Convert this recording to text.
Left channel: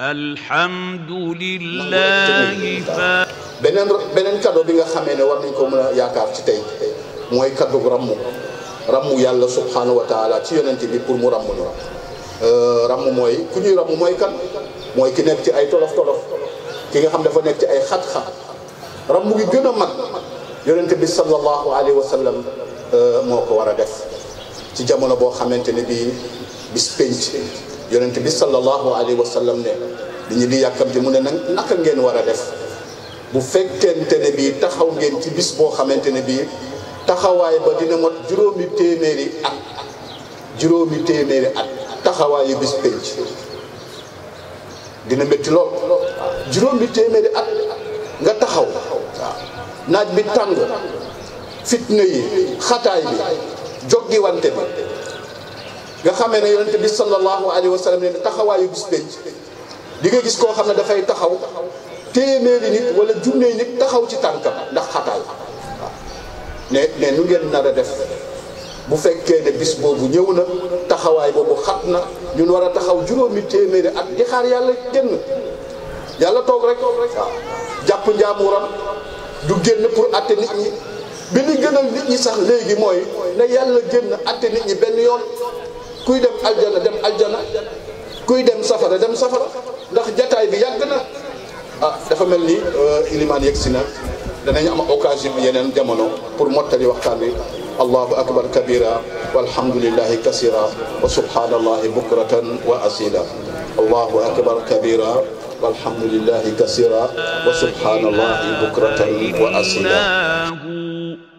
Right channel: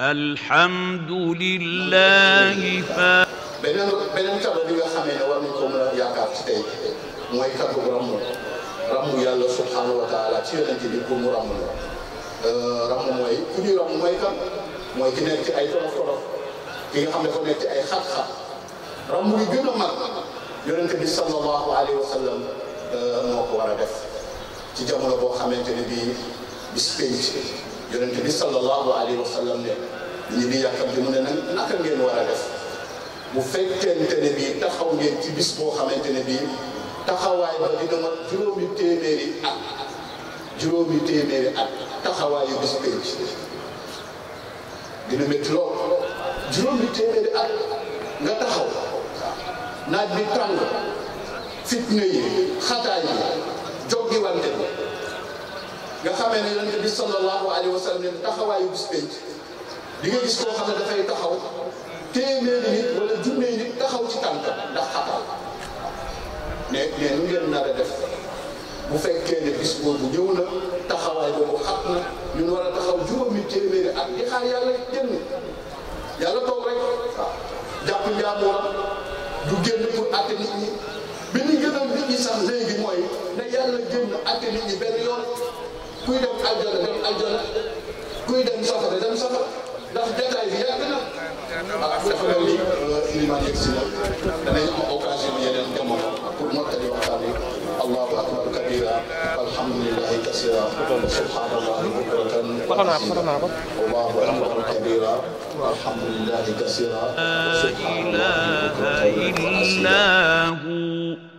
الحمد لله beneen cadeau bi nga xamee ne war nañ ko mën a yaakaar ci tey mooy cadeau rammu yàlla subhanahu wa taala ci yonent bi pour mu rammu ñu rammu mooy ku ñuy rammu mooy kan mooy ki nekk ci ay tolof ki nga xam dafa nekk ci ay xat-xat rammu gi gën a mag yonent bi sallallahu alayhi wa sallam moo ko war a def ci jamono boo xamante ne bii bis penc yonent bi sallallahu alayhi wa sallam ne li ñu di yàkkamti mu ne naka ngeen war a def bu fekkente ne bii taxaw ngeen ci bis boo xamante ne bii taxawaay ba dina mot juróomi téeméeri at taxawaayu bis penc dina métti lool juróomi téeméeri at nga taxaw naaj bi tàng fitna yi xataay bi joggi wante bi nga xamee ne yonent bi sallallahu alayhi wa sallam ne taxawaayu bis penc di nga gis koo xam ne dafay taxaw téeméeri nit wala junne nit taxaw ci tànkam ndax xataay ne nu ngeen nar a def bu fekkee ne bis boobu ñëw na taxawaay boobu xat na ñun war a taxaw juróomi téeméeri at di xaar yàlla génn yàlla toog rek waaw jàpp njaamuram du génn pour atte nit ñi bi li gënal nit ñi sax léegi mooy ne yàlla génn atte nit ñi benn yoon kuy dem aljana dem aljana kuy dem safara dem safara ndax jataay bi yàgg na dafa mel ni limaan yegg si na danañ am occasion yeneen jamono pour mottali waxtaan bi allahu akbar kabira walhamdulillahi kasira wa subhanallahi bukratan wa asila allahu akbar kabira walhamdulillahi kasira wa subhanallahi bukratan wa asila